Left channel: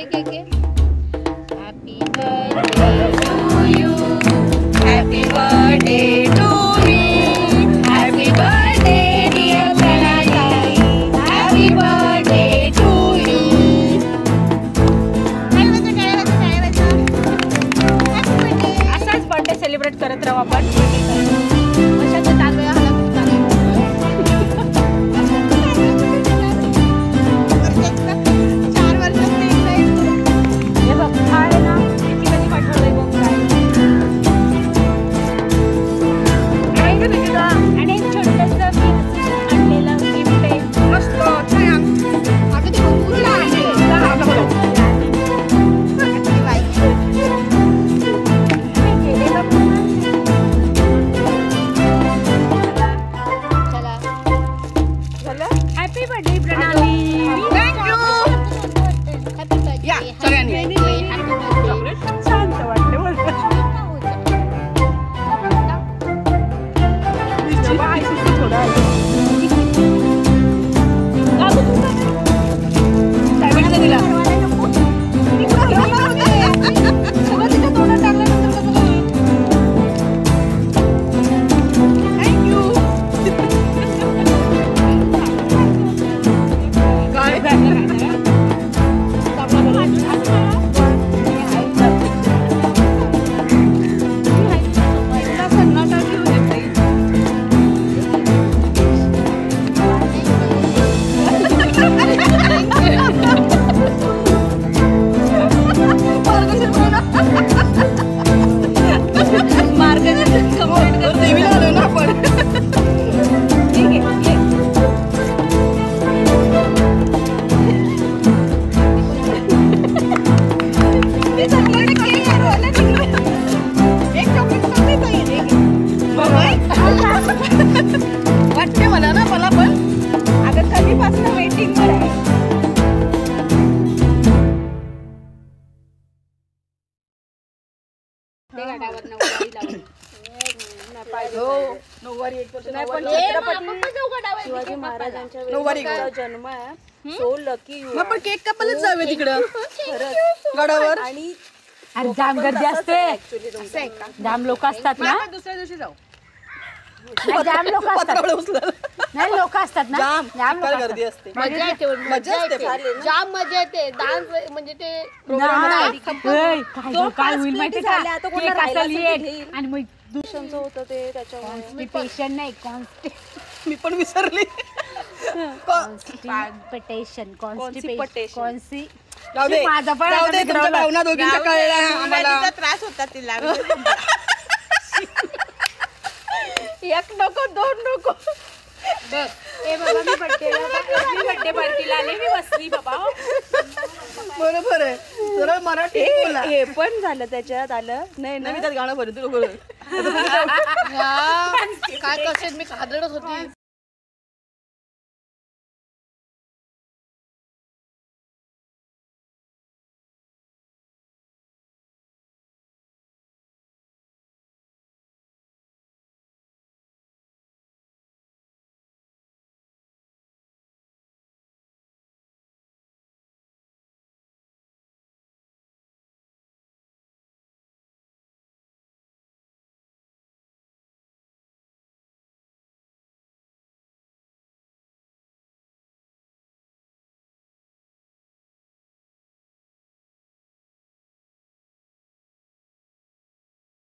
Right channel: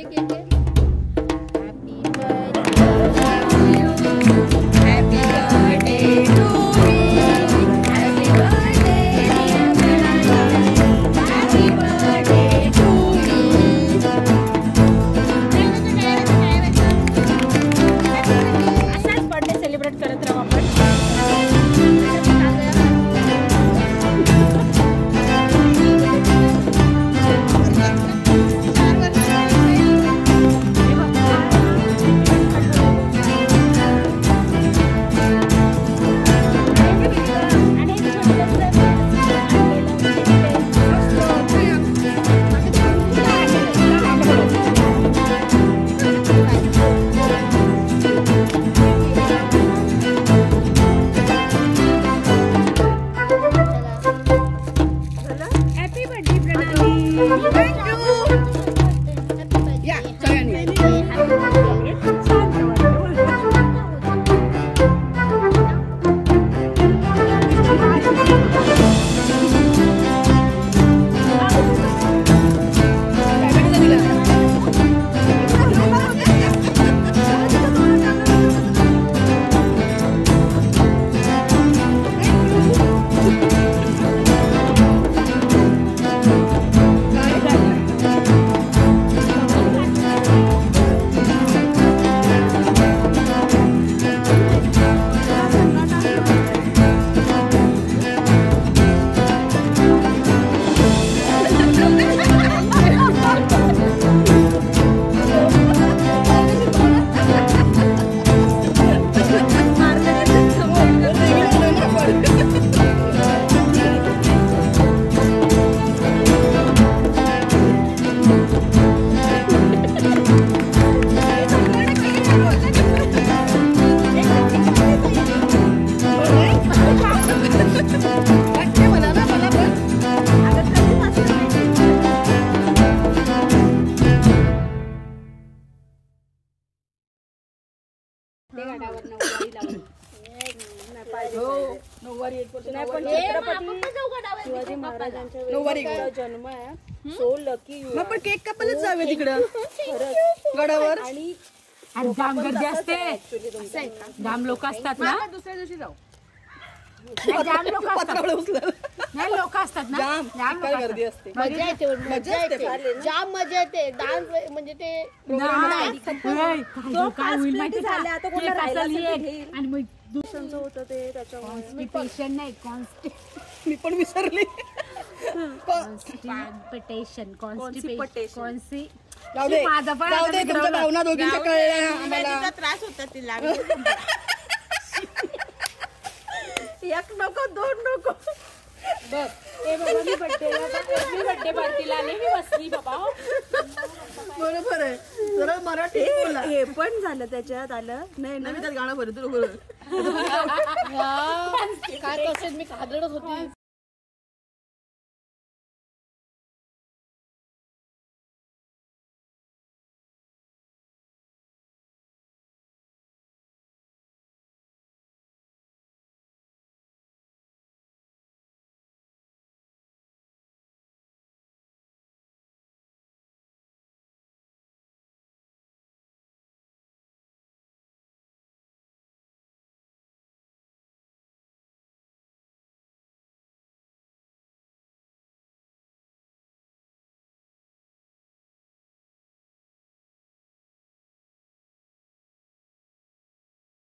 एक एक एक happy birthday to you happy birthday to me happy birthday dear Pranatai happy birthday to you असाच birthday celebrate करत राहू आपण हॅपी बर्थडे प्रणाली थँक्यू या सगळ्यांनी शांत वाटलं वाटते मला ना मला पण अगं कधीपासून वेटिंग शिवाजी महाराजांच्या जन्म आहे सो लकी यू पण केक कापायलाच जाऊया तिकडं गडावर आणि जाम गर्दी असते जाम लोक असतात ना दुसऱ्या दिवशी जाऊ जाम लोक नाही लोक असतात ना जाम गर्दी असते मजा येते जाम मजा येते डान्स म्हणजे ते काय होईल माहिती आणि मग दूषणचं होतं ते त्याच्यामुळे पेशंट नाही मी पण विसरली कॉन्स्टिपेशन माझा पण तुमच्या भावना दोघींचा कळला आम्हाला त्रास होता तिला एक नको दोन नको बघ ए बाबा मी बर्थडे पार्टीला आले मी बसली बाबा बरोबर आहे सरळ मराठी बोला हे पण झालं त्याच्यात आलं नाही ना मी त्यात गाणं भरतो काय कसे मी कादळत होती